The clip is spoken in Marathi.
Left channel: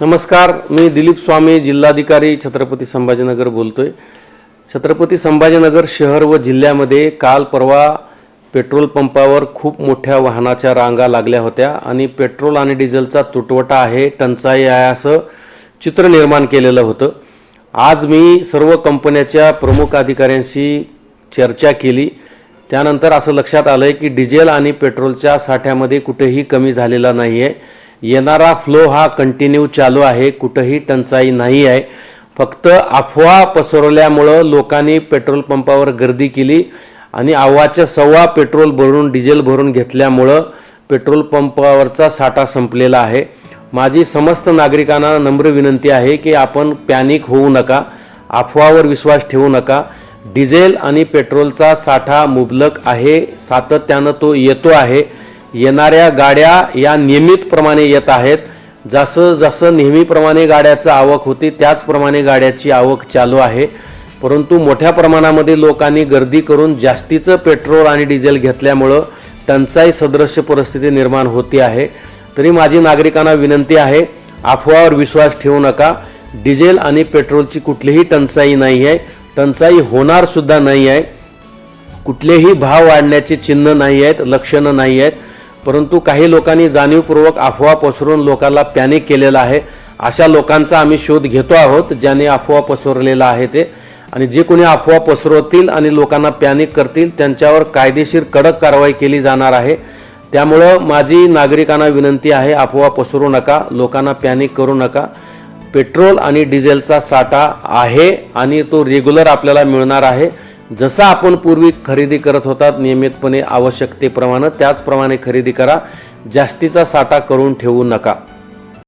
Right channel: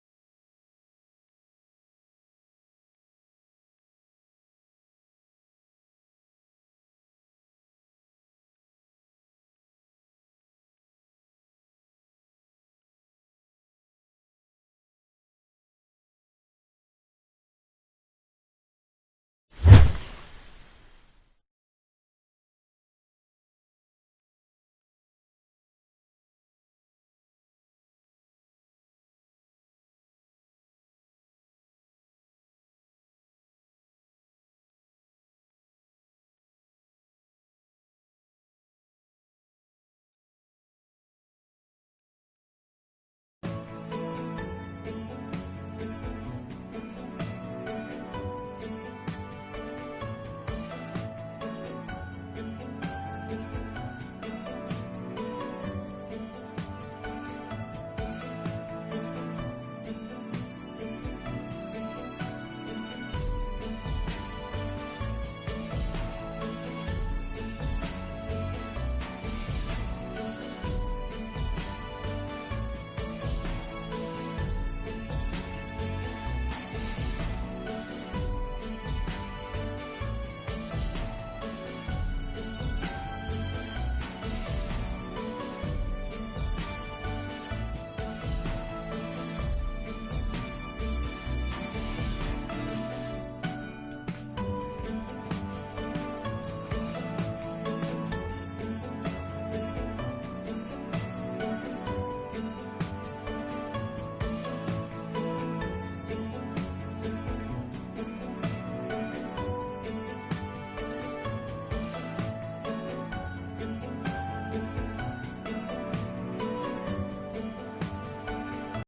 नमस्कार, मी दिलीप स्वामी, जिल्हाधिकारी छत्रपती संभाजीनगर बोलतोय। छत्रपती संभाजीनगर शहर व जिल्ह्यामध्ये काल परवा पेट्रोल पंपावर खूप मोठ्या वाहनाच्या रांगा लागल्या होत्या आणि पेट्रोल आणि डिझेलचा तुटवडा आहे, टंचाई आहे असं चित्र निर्माण केलेलं होतं। आज मी सर्व कंपन्यांच्या प्रमुख अधिकाऱ्यांशी चर्चा केली। त्यानंतर असं लक्षात आलं की डिझेल आणि पेट्रोलच्या साठ्यामध्ये कुठेही कमी झालेला नाहीये। येणारा फ्लो हा कंटिन्यू चालू आहे, कुठेही टंचाई नाही आहे। फक्त अफवा पसरवल्यामुळे लोकांनी पेट्रोल पंपावर गर्दी केली आणि अव्वाच्या सव्वा पेट्रोल भरून डिझेल भरून घेतल्यामुळे पेट्रोल पंपावरचा साठा संपलेला आहे। माझी समस्त नागरिकांना नम्र विनंती आहे की आपण पॅनिक होऊ नका, अफवावर विश्वास ठेवू नका। डिझेल आणि पेट्रोलचा साठा मुबलक आहे, सातत्याने तो येतो आहे। येणाऱ्या गाड्या या नियमितप्रमाणे येत आहेत। जसं जसं नेहमीप्रमाणे गाड्याची आवक होती त्याचप्रमाणे गाड्याची आवक चालू आहे। परंतु मोठ्या प्रमाणामध्ये लोकांनी गर्दी करून जास्तीचं पेट्रोल आणि डिझेल घेतल्यामुळे टंचाई सदृश परिस्थिती निर्माण होती आहे। तरी माझी नागरिकांना विनंती आहे, अफवावर विश्वास ठेवू नका। डिझेल आणि पेट्रोलची कुठलीही टंचाई नाही आहे, टंचाई होणार सुद्धा नाही आहे। कुठलेही भाव वाढण्याचे चिन्ह नाही आहेत, लक्षणं नाही आहेत। परंतु काही लोकांनी जाणीवपूर्वक अफवा पसरवून लोकांना पॅनिक केलेला आहे। अशा लोकांचा आम्ही शोध घेतो आहोत ज्यांनी अफवा पसरवलेला आहे ते, आणि जे कोणी अफवा पसरवतील आणि लोकांना पॅनिक करतील त्यांच्यावर कायदेशीर कडक कारवाई केली जाणार आहे। त्यामुळे माझी नागरिकांना विनंती आहे, अफवा पसरवू नका, लोकांना पॅनिक करू नका। पेट्रोल आणि डिझेलचा साठा आहे आणि तो रेग्युलर आपल्याला मिळणार आहे। जसं आपण पूर्वी खरेदी करत होतात नियमितपणे आवश्यकतेप्रमाणे, त्याचप्रमाणे खरेदी करा। जास्तीचा साठा करून ठेवू नका।